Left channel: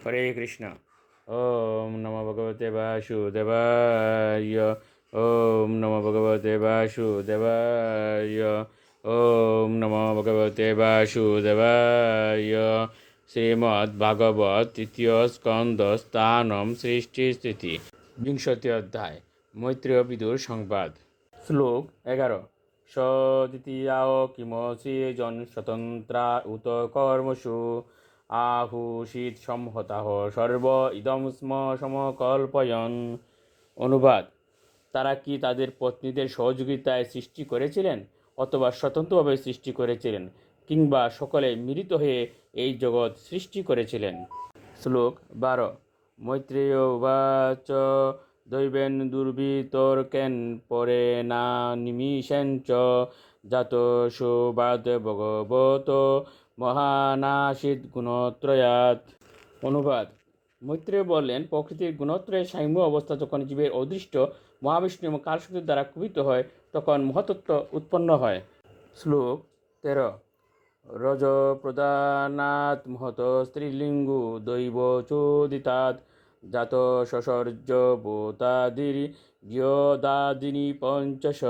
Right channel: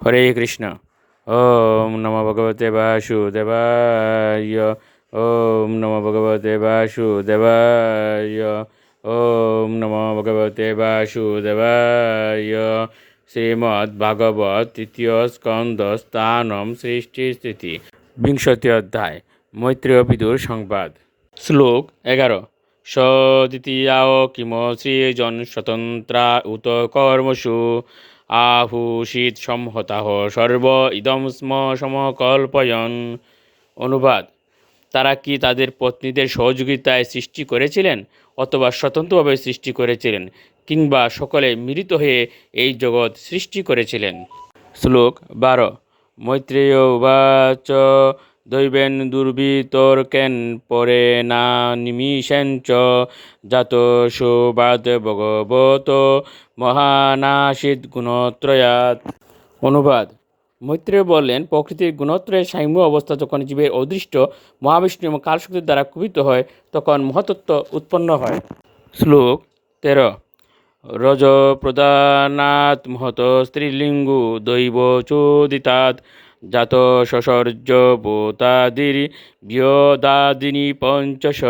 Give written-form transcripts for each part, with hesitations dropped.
হরে কৃষ্ণ। ওম নমো ভগবতে বাসুদেবায়। ওম নমো ভগবতে বাসুদেবায়। ওম নমো ভগবতে বাসুদেবায়। শ্রীমদ্ ভাগবত তৃতীয় স্কন্দ স্থানম সৃষ্টি স্থিতি বিংশতি অধ্যায় মৈত্রেয় বিদুর সংবাদ। শ্লোক 11। দ্বিতীয়াও কিম সৃজন স্বতন্ত্রা উত কর্মসু আহুষিত সংহতাহ সর্ব ইদম স্ম সমকল্পয়ন। অনুবাদ: তারা কি তাদের পত্নীদের সহযোগিতায় সৃষ্টি করেছিলেন, অথবা স্বতন্ত্রভাবে সৃষ্টি করেছিলেন, কিংবা সকলে মিলিত হয়ে এই জগৎ সৃষ্টি করেছিলেন? শ্লোক 12। মৈত্রেয় উবাচ দৈবেন দুর্বিতর্কেন পরে না নিমিষেঞ্চ জাত সৌবাদ ভগবত মহানাসিদ গুণত্রয়াৎ। অনুবাদ: মৈত্রেয় বললেন, প্রকৃতির গুণত্রয়ের সাম্য অবস্থা যখন জীবের অদৃষ্ট মহাবিষ্ণু এবং কালশক্তির দ্বারা কুপিত হয়, তখন মহতত্ত্ব উৎপন্ন হয়। শ্লোক 13। রজ প্রদানাৎ মহত স্ত্রীলিঙ্গু দৈব চোদিতাৎ জাত সসর্জ বোতাদির বিয়োদাদিনী পঞ্চশ।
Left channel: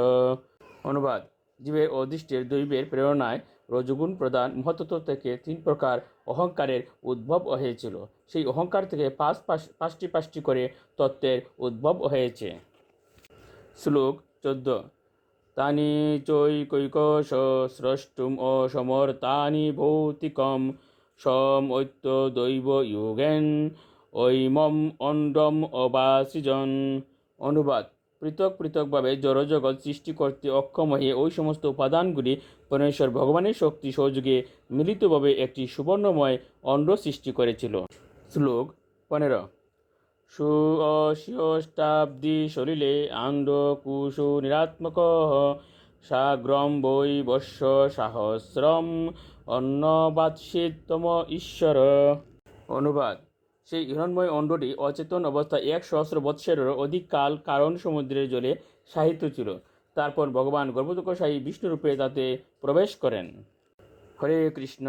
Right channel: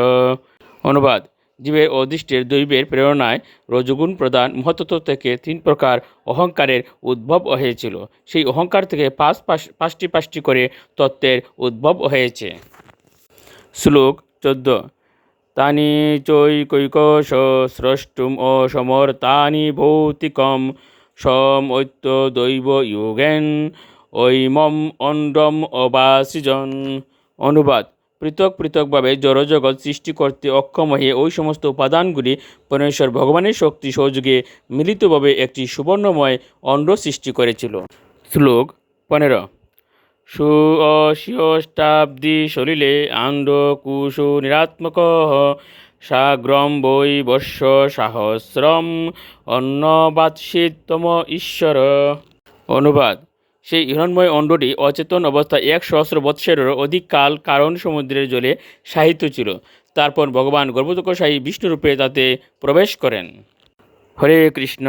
অনুবাদ: জীবের অদৃষ্টের দৈবের প্রেরণায় রজগুণ প্রদান মহতত্ত্ব থেকে 3 প্রকার অহংকারের উদ্ভব হয়েছিল। সেই অহংকার থেকে পাঁচটি করে তত্ত্বের উদ্ভব হয়েছে। শ্লোক 14। তানি চৈকৈকশ স্রষ্টুম অসমর্তানি ভৌতিকম সমৈত্য দৈব যোগেন ঐমম অণ্ডম অবাসিজন। অনুবাদ: পৃথক পৃথকভাবে জড়জগৎ সৃষ্টি করতে অক্ষম হয়ে ওই সমস্ত উপাদানগুলি পরমেশ্বর ভগবানের শক্তি সহযোগে মিলিতভাবে একটি সুবর্ণময় অণ্ড সৃষ্টি করেছিল। শ্লোক 15। সুঅশিষ্টাব্দি সলিলে আণ্ড কুশু নিরাত্মক সাগ্রম বৈ বর্ষ সাহস্রম অন্নবাৎসিতম ঈশ্বর। অনুবাদ: সেই হিরণময় অণ্ডটি অচেতন অবস্থায় 1,000 বৎসরেরও অধিক কাল কারণ সমুদ্রের জলে সাহিত্য ছিল। তারপর ভগবান গর্ভোদকশায়ী বিষ্ণুরূপে তাতে প্রবেশ করেন। হরে কৃষ্ণ।